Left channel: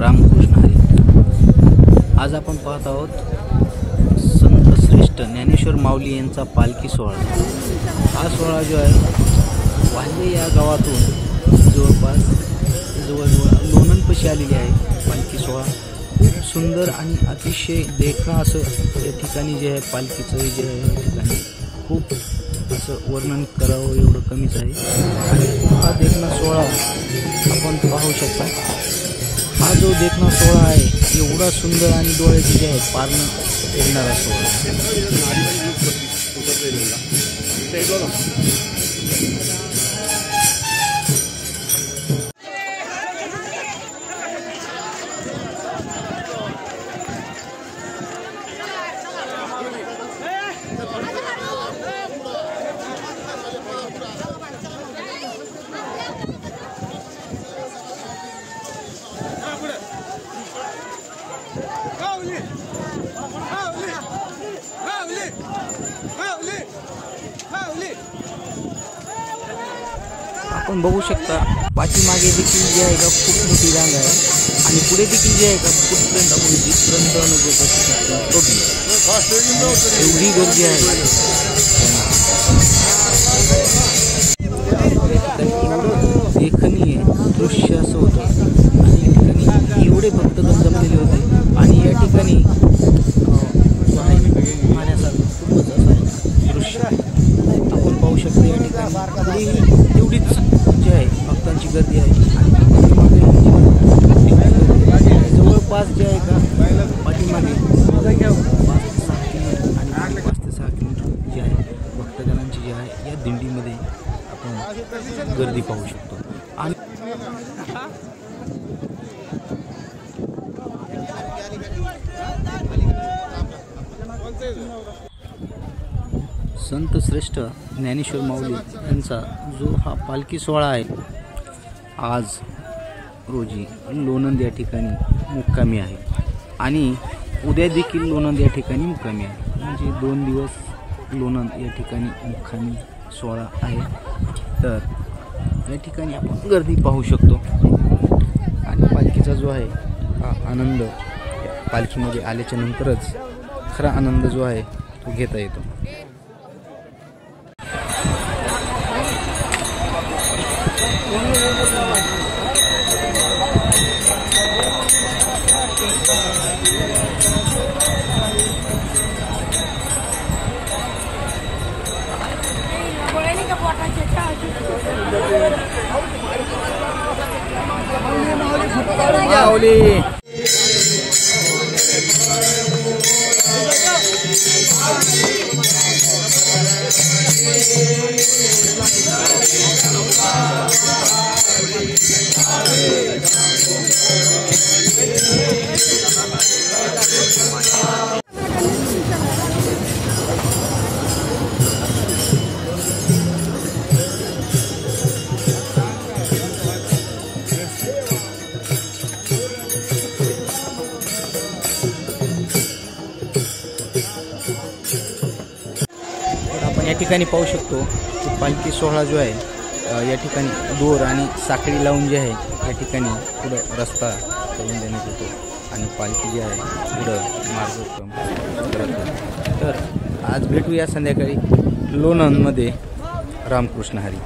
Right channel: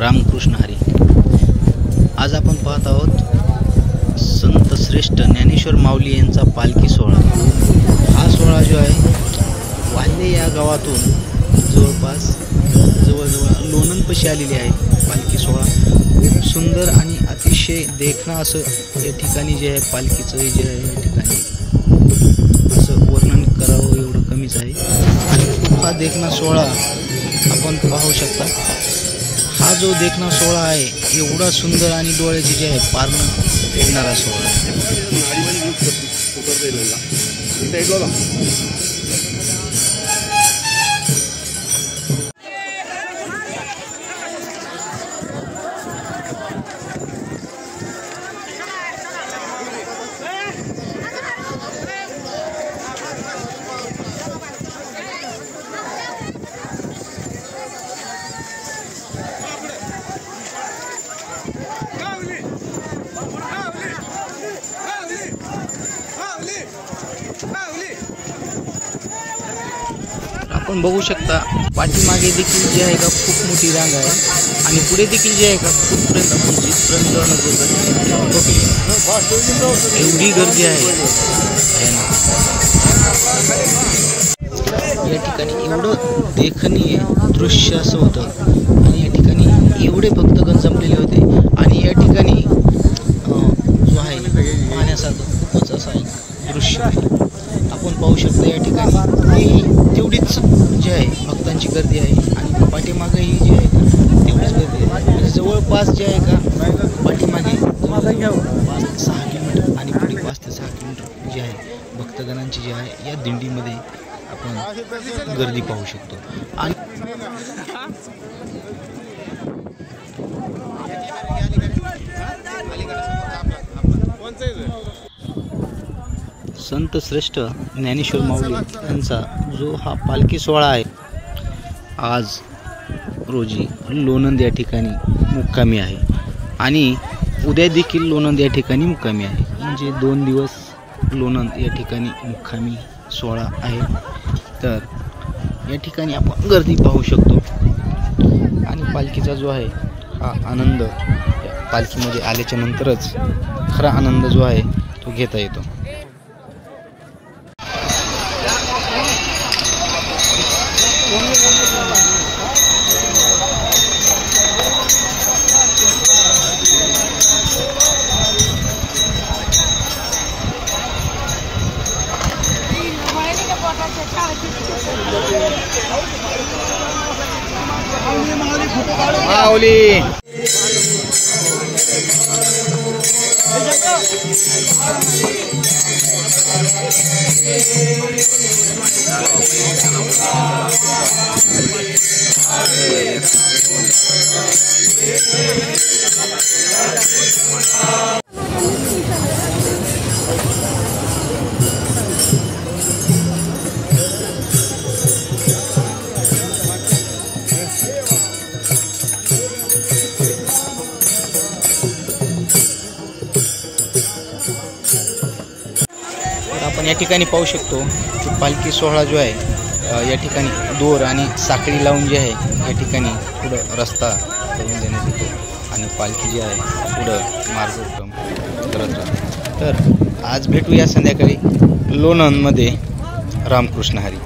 रामकृष्ण हरी। आज आपण पाहत आहोत संत श्रेष्ठ ज्ञानेश्वर माऊली यांचा पालखी सोहळा। हा सोहळा जो आहे वाल्हे या गावातून जवळपास जवळजवळ लोणंदपाशी आलेली आहे। पालखी सोहळा खूप सुंदर आणि अतिशय देखणा असं या ठिकाणी जे आहे पालखीचं जे आहे या ठिकाणी खूप असं वर्णन करावं एवढं कमीच आहे। आणि खूप हा देखणा सोहळा आपण पाहू शकता। हा जो देखणा सोहळा आहे एवढा सुंदर आणि डोळ्याचे जे आहे पारणं फेडणारा सोहळा आहे। आपण बघू शकता पाठीमागे देखील जे आहे का खूप मोठी रांग आहे आणि पुढे देखील जे आहे का कुठपर्यंत आपण जिथपर्यंत एवढी गर्दी आहे या ठिकाणी। एवढं देखणीय दृश्य असं होतं आणि या ठिकाणी एवढे भक्तगण जमलेले होते आणि या ठिकाणी जो आहे पाहण्यासारखं खूपच असं आहे दृश्य आपण पाहू शकता। या ठिकाणी तेवढीच जे आहे भक्तांची गर्दी आहे आणि पाठीमागेही जे आहे तेवढीच गर्दी आहे। जवळपास जे आहे का पाठीमागे 5 ते 6 किलोमीटर आणि पुढे 5 ते 6 किलोमीटर जे आहे भक्तगणांची जे आहे या दिंडीमध्ये आपण गर्दी पाहू शकतो। आणि संत श्रेष्ठ ज्ञानेश्वर माऊली यांचा जो हा पालखी सोहळा आहे आज रोजी लोणंद या ठिकाणी मुक्कामी आहे आणि उद्या देखील लोणंद या ठिकाणी मुक्कामी आहे। म्हणजे 2 दिवस लोणंद या ठिकाणी मुक्कामी सोहळा आहे। तर या ठिकाणी आपण गर्दी पाहू शकतो आणि पालखीचा जो आहे हा आनंद पालखीमध्ये आल्याच्या नंतरच खरा आनंद जो आहे तो घेता येतो। माऊली आपण या ठिकाणी पाहू शकतो की पालखी सोहळा जो आहे या ठिकाणी दोर आणि साखळी लावून जे आहे या ठिकाणी पुढं रस्ता करून देण्यात येतो आणि पालखी जी आहे पुढं मार्गक्रम करत असतो। तर आज भेटूया संध्याकाळी लोणंदमध्ये। रामकृष्ण हरी।